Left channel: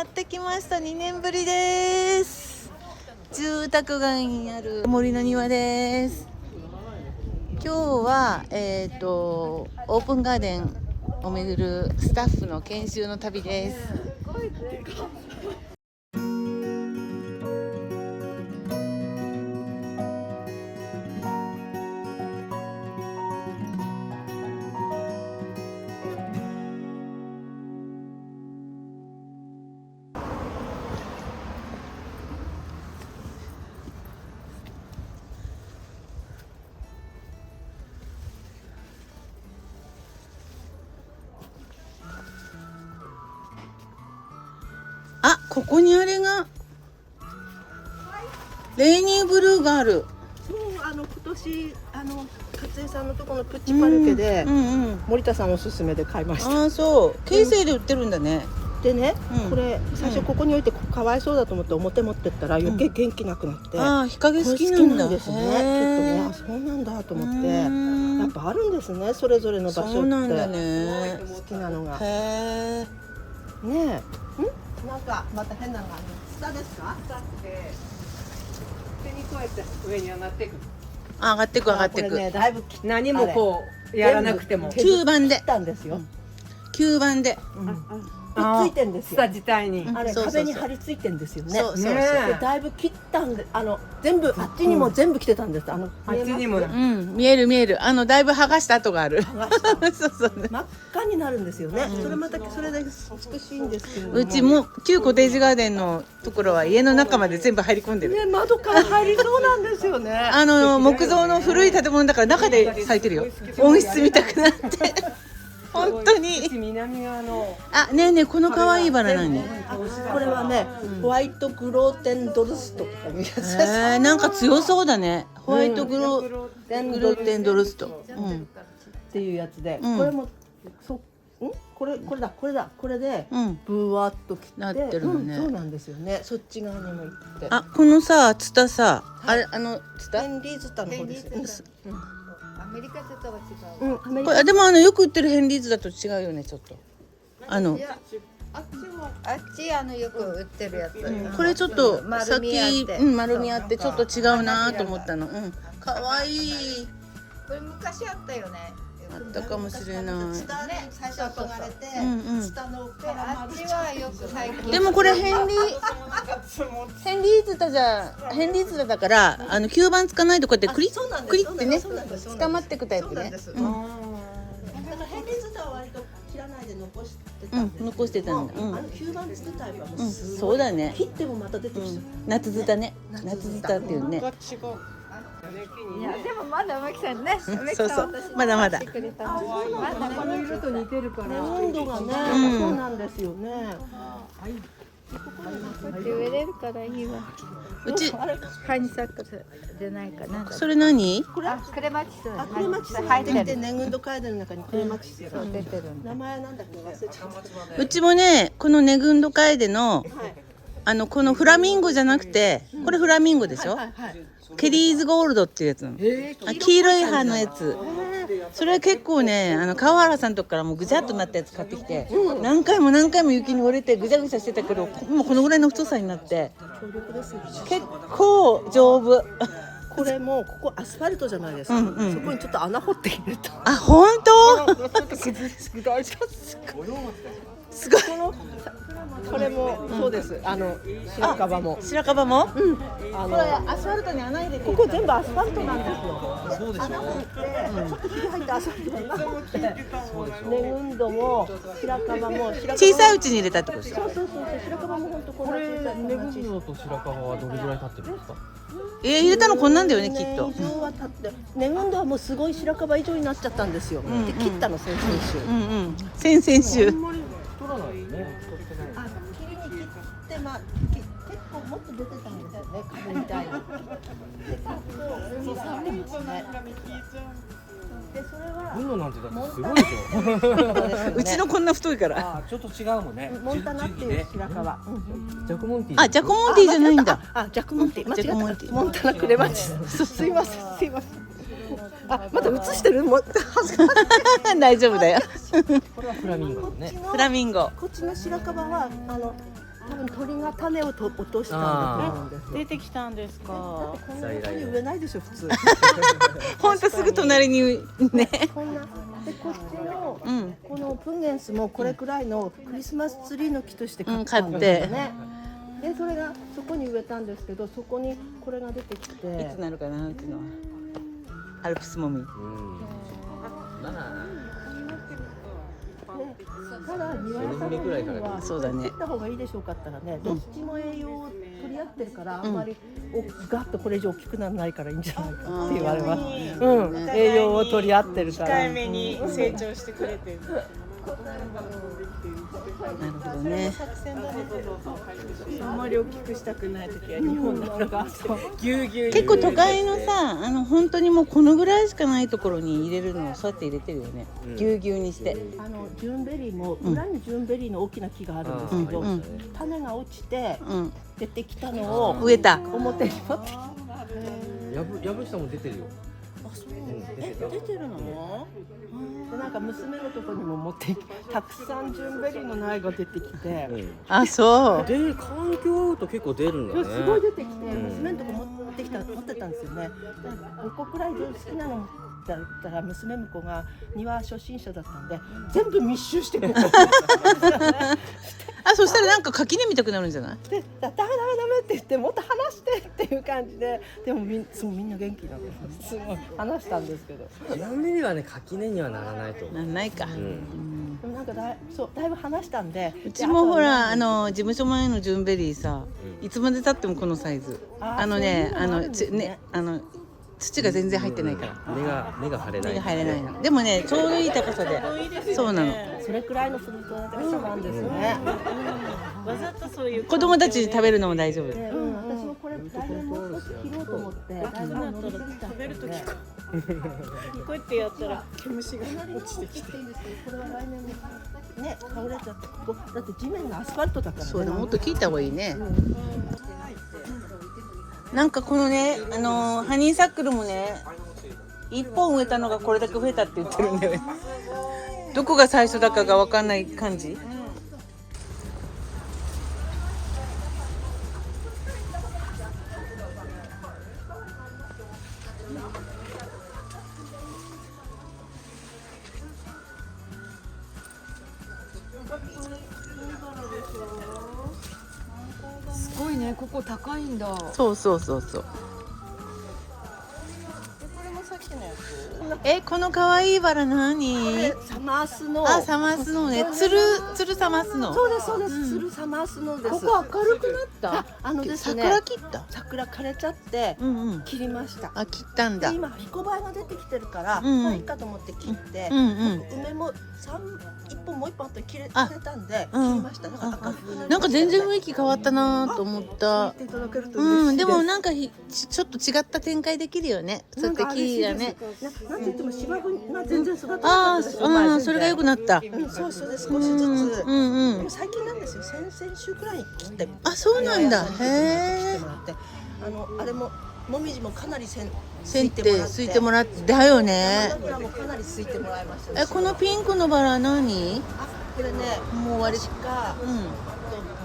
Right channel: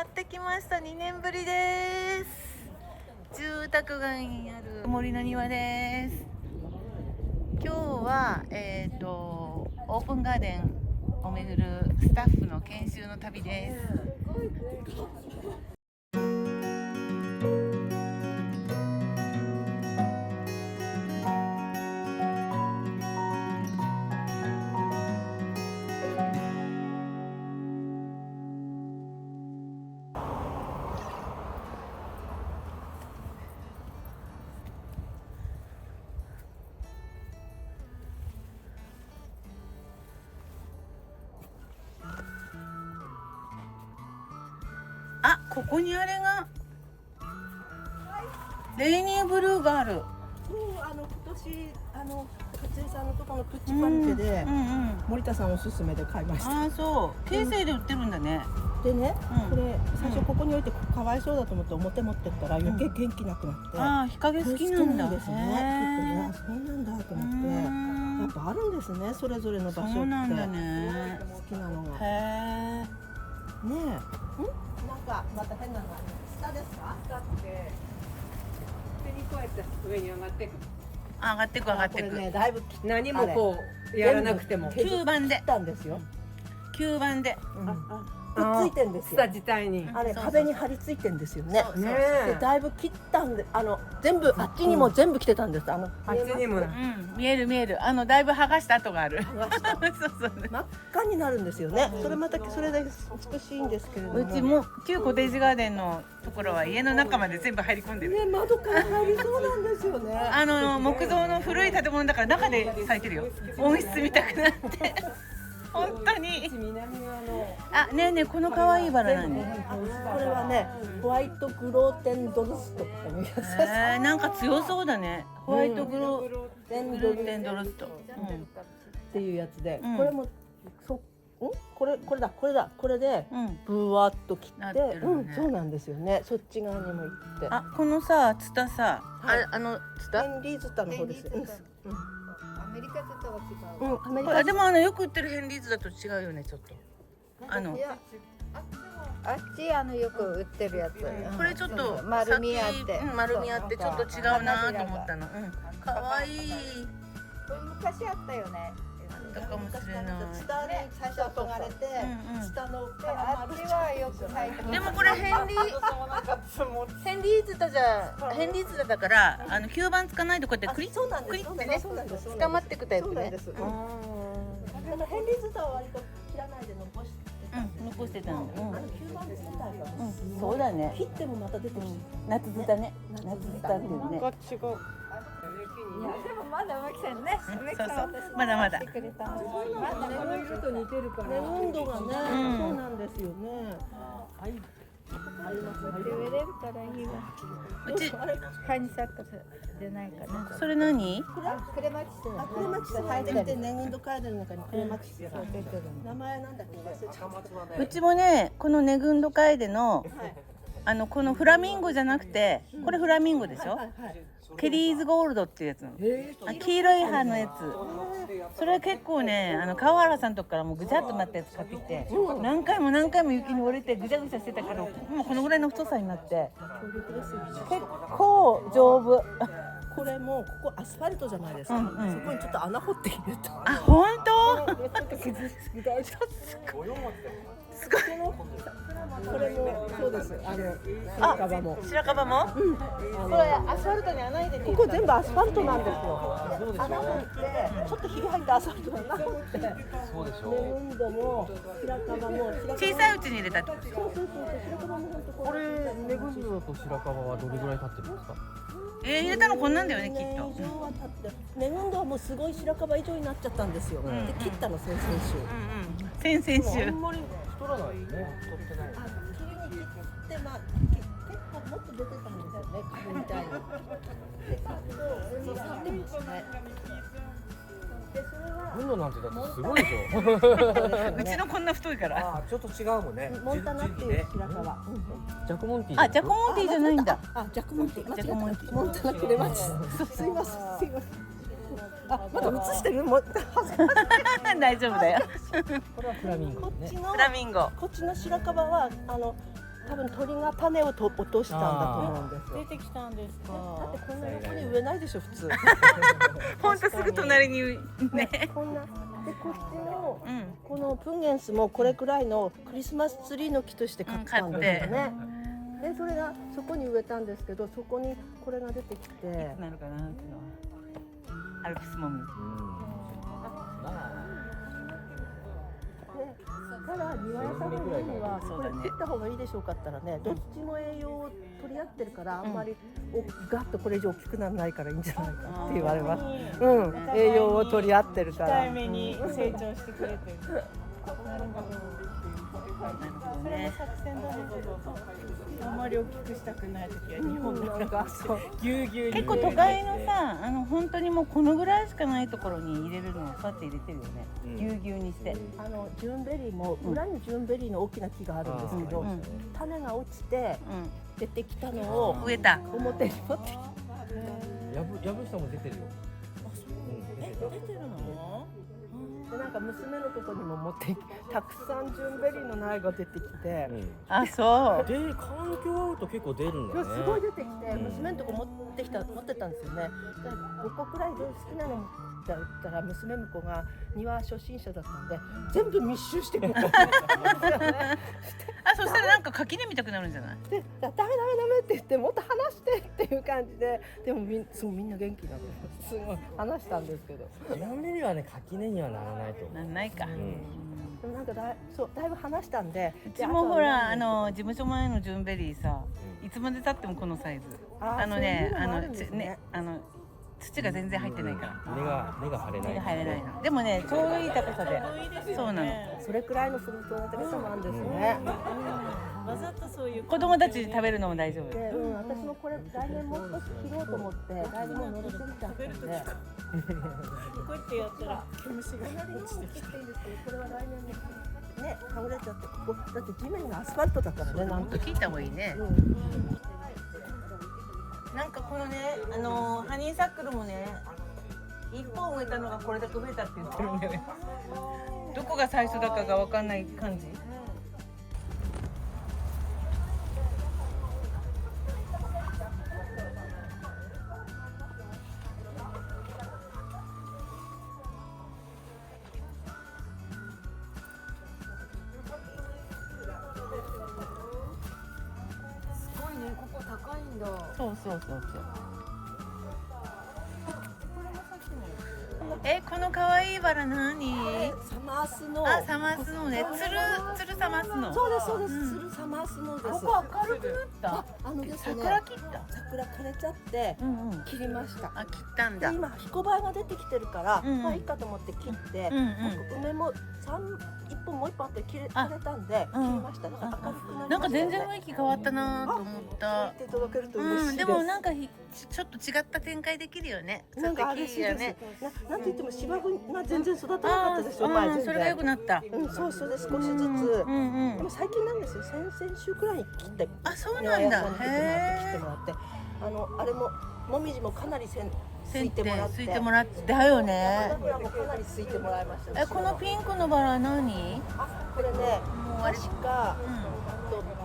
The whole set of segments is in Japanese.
やってきました。2年ぶりです。住宅街にある森の庭です。今日はオープンガーデンを巡るスタッフの研修の旅です。あ、ここにあれがレーニーブルーがある。そう、今年勝江さんのところのプッチパルケで、森田さんおすすめで買いました。ああ、そう、京成で売ってるんだね。でね、これ最初ここに置いてかわいそうだと思って表持ってったら余計元気なくなって、ああ、日陰好きなんだ。ですね。きっとね、あ、そうなんだと思って、やっぱあるんですね、それぞれの場所って。そうなんだね。好きなのが。へえ。ねえ。なんかまた変なのがある。ツタですか？ツタって手にこうやって上に上がっていく。上がってく上がってく。これね、だいぶ何もこうやらなくても。吸盤で切ったんですよ。吸盤で。くっついてんですよ。ツタ自体に。あれそうそうそう壁に張り付いてんですよね。そうそうそう。ねでだいぶ切ったんで、全部あっちにも全部来てたんです。あっちにもな。見える見える。だいぶ剥がした跡がある。剥がしたそうそう。真っ赤になるんですよね。それまたそれで美しいんですけれども。うちも旧コテージガーデンのところは家の中まで全部入り込んでる。ね、窓から入りそうなんですよね。木造の古い建物だから中で咲いてるよ。温室見たくなって。本当に。南側の。あ、ねえねえ、この可愛いバラ何？これはね、ホワイトグローテンドルストとかいうやつです。なんか強そうだね。ホワイトグローテンドルスト。っていうやつで、これもこれでブワッと切って、そうなんですよね。そっち側にも行って。あ、このさ、ツタさ、あれツタ？ヘンリーズタの方です。アメリカツタは違う。アメリカでもよく売ってるヘンリーズだと違うよね、ちょっと。あっちよく売ってるやつ。これちょっと丸みあって丸みあってちょっと違うなと思ったの。可愛い。これ昔あったよね。あったかもしれない。ツタに最初憧れて、ツタのあっちはよく最近。でもこれヘンリーズタだから吸盤つかないとこうやってクリってね捕まってくタイプね。ヘンリーズタは割と切らないで残してたんです。残してたの。吸盤つけたいわ。そうだね。切ってもまた出てきて。夏ツタね。夏ツタっていうね。いやでもまだ梅木さんね。そうそう。まだまだ。この色と似てるから。温度がね、そうなんですよね。植えれるからいいわ。うちハニサックスじゃないかな。それ何？これクレマチス。クレマチス入ってて、ネグンドカーデンの中にクレマチスが出てる。名前なんだっけ忘れちゃった。うちもね、このネグンドカエデのこのフラミンゴじゃなくて、これフラミンゴでしょ？ケリーズゴールドっていうやつなの。黄色い葉のやつ。それ結構ね、川原さんとこからもうぐちゃっとなったやつ買ってきて、何回も雪に折れてぐちゃぐちゃしてたけど、もうこのぐらいの太さになって結構丈夫。これもここアスファルトじゃないですか。そこにちょっと穴掘って入れた。あ、本当？すごい。これもそうです。白樺も。白樨も？これアスファルトに穴入れて。ここ全部アスファルトなんですよ。そうでしょ。ちょっとひび入ったアスファルトがなくて、ネグンドも白樺も小さいうちに入れたってこと？そう白樺も本当これネグンドと白樺はどれぐらい経ってるんですか？入れたのこんなんだよね、きっと。以上は経って、ネグンドはもうすごい白樺以上になっちゃったんですよ。で切ったの先々週。先々週。あんまり太らないよね。切りに切って結構もっと出てたんですよね、株みたいに。で3年ですね。でそれはグンドなんてだってすごいでしょ。うちのこんな太いから。あ、ちょっと違うもんね。モンタナっていう白樺。ジャクモンティー。あ、ジャクモンティーじゃないんだ。ジャクモンティー間違えた。モンタナクレマチス。すいません。まだ映してる？大丈夫だよ。これはフラミンゴね。フラミンゴ。こっちの白樺は多分鳥が種を落としたんだと思うんですよ。出てきたんですか。だってこんな横に植えないでしょ普通。ほんとすぐ隣にね。こんなでこっちのうん。このプンゲンスもこれくらいのクリスマスツリーの木として買ったんですよね。でそれがそこに植えたんですけど、そこにこれが出てきいてつ。なるかなっていうのは。アルプスもみ。ただ庭屋さんの家にはこれそうだね切った方がいいでしょうかったらね、どっちも栄養を取り合ってるからあんまりガッとこれ以上大きくならないからいいんじゃないかって言われます。栄養を取り合ってるから。控えめに成長してくれてる。ね。あんまり大きくしたくない時は日本のなんかそうぎゅうぎゅうに結構都会のさ、本当にもうこのぐらいしかないところに入れるのをそうやって入れてるよね。ぎゅうぎゅうにして。ジュンベリーも裏にジュンベリーの大きな木があるんですけど、うん種が落ちてうん。出てきたのを植えた。表に持ってきて。やぶ下も出てるよ。出てるのね。でなんか娘のとこにも持ってたくさんジュンベリーの苗が出てきて、あ、そう。で環境合うと結構出るんだね。すごい出てきて、娘のとこ持ってたんですよね。で5個くらいで好きなのだったら娘婿が庭初心者だったんで全部密集してくる。あ、そしたらなんか垣根見たくなるんじゃない？でダメって言ってもっと話してっていう感じで、でもすごいみんな元気になってすごい話したんですけど、ちなみにはね垣根にはならないと思う。なんないか。でもなんかだいぶ話したんで、うちもほら事務所前のジュンベリーさ、いつまで経ってもこのサイズ。そういうのもあるんですね土が全然入ってないから根が張れない。入れないの。でもね、ちょうどいい高さで。そうなの。それくらいの育て方もあるんですね。わざとそういう子供たち食べるのも大丈夫。で私もこれ来年もう少し切ろうと思って来年もう伸びすぎちゃったんで、こうやってやったら毛虫が隣の方切っていいんですけど、これは来年もね倒れちゃって、ここだって地面がアスファルトだからね。そうだ、もっと聞いた方がいいね。なんかこのね、ハニーサックルもね、1本植えたのがこれだけ増えたって言ってるんだよね。どこが最初だかが分かんない感じ。すごいね、ここ高いんだ。そうそうそうそう。この可愛いバラ何？サマースの。あ、サマースノーね。つるサマースノー。そうです。ツルサマースのです。ここ明るくなった。ですね。桜切った。桜枯れちゃってうん切りました。あ、切ったんだ。で今彦バエが出てきてるから、うんまあいいかと思って切って、梅も1本もう1本あって切れたんで切りました。だから赤くなんか全然雰囲気変わったなと思った。聞いていただけると嬉しいです。でもなんかちょっと違った展開できるよね。そうやって木がね。なんて言っても芝生が全然育たなかあったですよ。あ、それが良くなった。そうそれで少しずつ。でも最近なんですよ。先々週くらいに切って。あ、そうなんだ。へ切ってえ。もらって、あれももみじもかなりすせんいてもらって。すいてもらってだよね。桜もかなりすいてもらいました。このピンクのバラ何？あ、これね、もう終わり。確か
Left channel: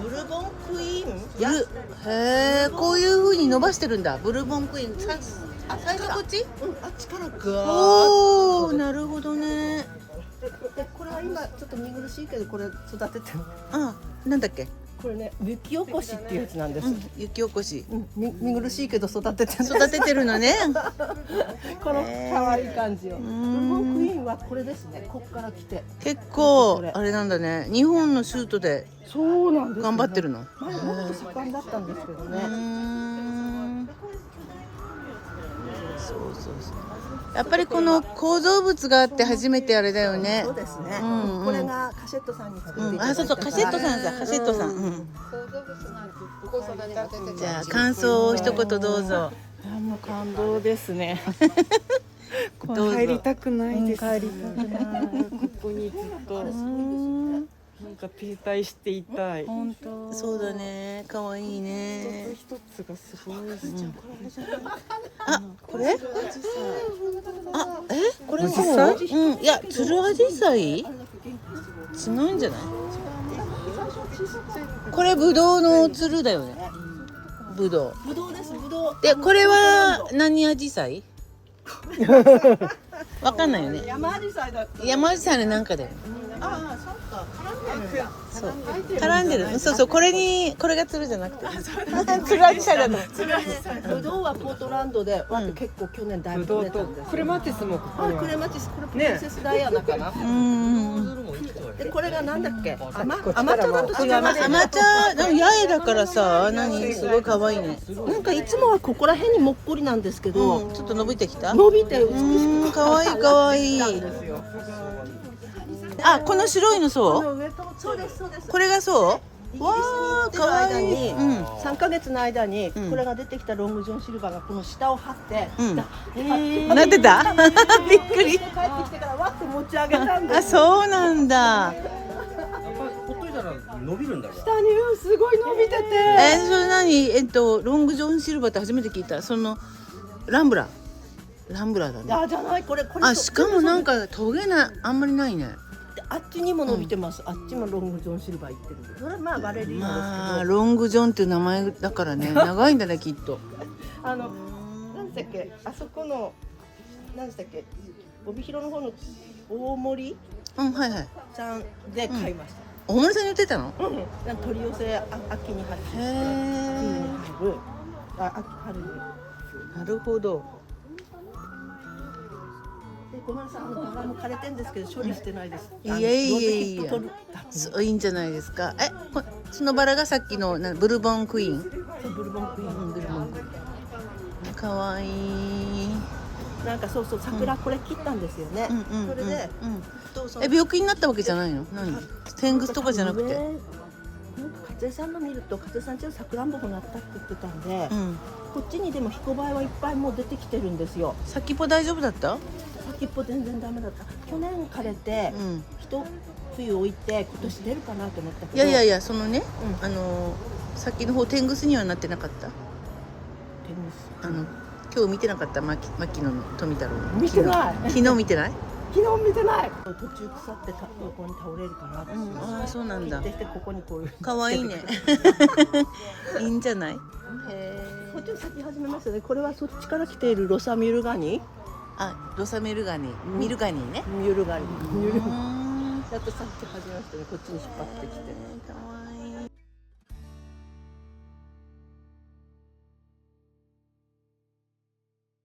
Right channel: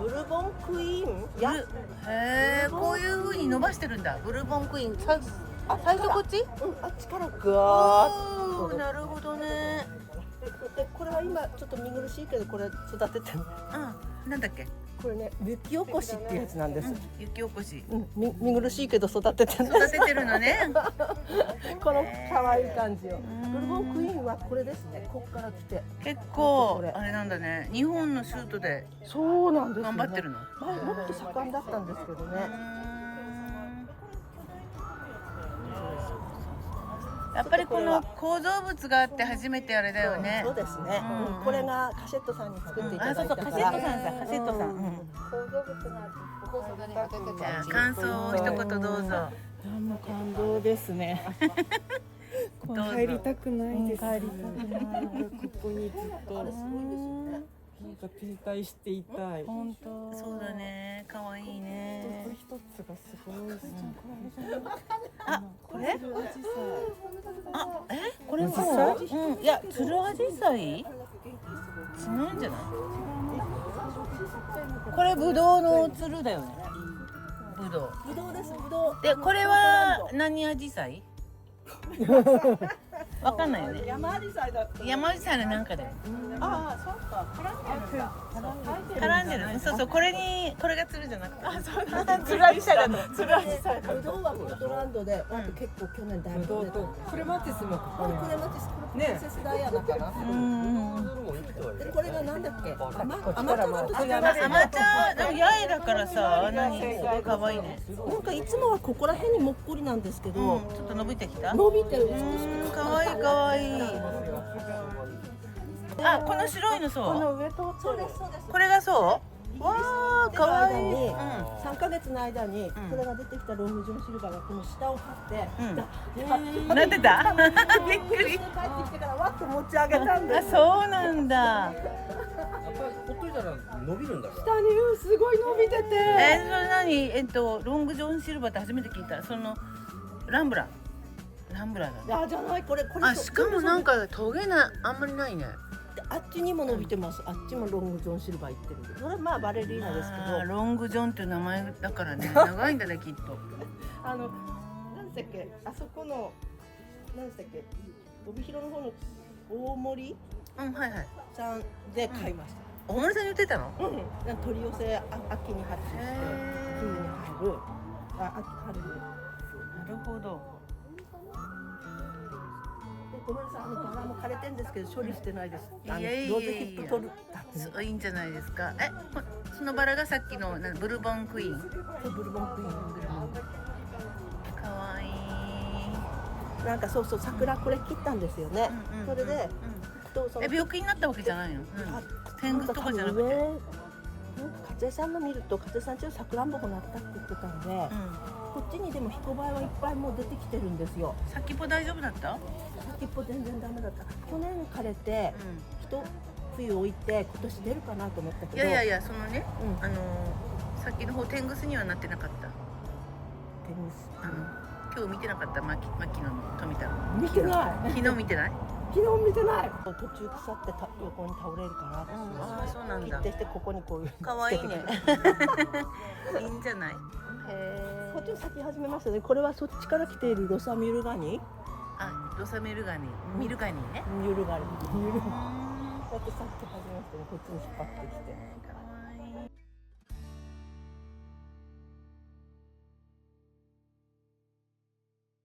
ブルボンクイーン。へえ、こういう風に伸ばしてるんだ。ブルボンクイーン。最初こっち？あっちからガーッおお、なるほどね。でこれは今ちょっと見苦しいけどこれ育ててる。なんだっけ？これね雪起こしっていうやつなんです。雪起こし。見苦しいけど育ててる。育ててるのね。この可愛い感じを。ブルボンクイーンはこれですね。こっから来て。結構あれなんだね。日本のシュートでそうなんです。頑張ってるの。前もっと盛んだったんですけどね。そうやっぱりこの構造物があって初めてあれだよね。そうですね。これがカシェットさんに作っていただいた。そうカシェットさんだ。カシェットさん。じゃあ感想を一言どうぞ。もう感動ですね。帰りたくないです。帰りたくない。ここにずっとなんか停滞していたい。そうだね。可愛いね。一つがすごいです。あ、これ？これ紫陽花？いや、つるあじさい？違うんじゃない？これブドウのつるだよね。ブドウ。ぶどうです、ぶどう。でこれは何アジサイ？わかんないよね。山アジサイだった。山アジサイのなんかだよ。ああ、そうか、絡んでるんだ。そう。絡んでる。そうそう、これがつるじゃなくて。つるアジサイだと。ぶどうはポートランドで、結構去年だいぶ取れたんですよ。クレマティスもここにクレマティス、これプリンセスダイアナかな。うんでこれがなんだっけ、甘茶だと違います。甘茶、でも八重だからさ、何すごい可愛いね。なんかいつもはここら辺にもっこりなんですけど、ちょっと伸びてきた。伸びて美しく可愛い可愛い。あ、この白いのそう？そうですそうです。これがそう？わあ、可愛い。うん。 3ヶ月の間にこれが出てきたロングジョンシルバーがこの下を張って、なってた？びっくり。帰ってきてからわっと持ち上げたんであ、す。そうなんだ。やっぱほっといたら伸びるんだから。下にすごい伸びてて。それ何？ロングジョンシルバーって初めて聞いた。そのランブラだね。あ、じゃない、これあ、しかもなんかトゲあんまりないね。あっちにも伸びてます。あっちもロングジョンシルバー行ってるんで、これまあバレリーナですけど、ロングジョンっていう名前だからね、長いんだねきっと。なんだっけ、あそこのなんだっけ、帯広の方の大森うん、はいはい。さんで買いました。大森さんに言ってたの？なんか取り寄せ秋に発注して冬に入る、春に。なるほど。ごめんなさい、バラも枯れてんですけど処理してないです。いやいやいやいやロゼヒップ取るそういいんじゃないですか。そのバラがさっきのブルボンクイーン。ブルボンクイーン、ブルボンクイーン。かわいい。なんかそうそう、桜これ切ったんですよね。それで、病気になったわけじゃないの？何？天狗とかじゃなくて。風さんの見ると、風さんちのさくらんぼもなったって言ってたんで、こっちにでもヒコバエはいっぱいもう出てきてるんですよ。先っぽ大丈夫だった？先っぽ全然ダメだった。去年枯れて、一冬置いて今年出るかなと思ったけど。いやそのね、先の方天狗にはなってなかった。天狗。今日見てなかった牧野の富太郎。見てない。昨日見てない？昨日見てない。途中腐って横に倒れるから。ああ、そうなんだ。切ってここにこういう。可愛いね。いいんじゃない？へえ。こっちに咲き始めますよね。これはそっちから来ているロサミュルガニ。あ、ロサミルガニ、ミルガニね。ミュルガニ。ミュルガニ。やっと咲き始めましたね。こっちに引っ張ってきて。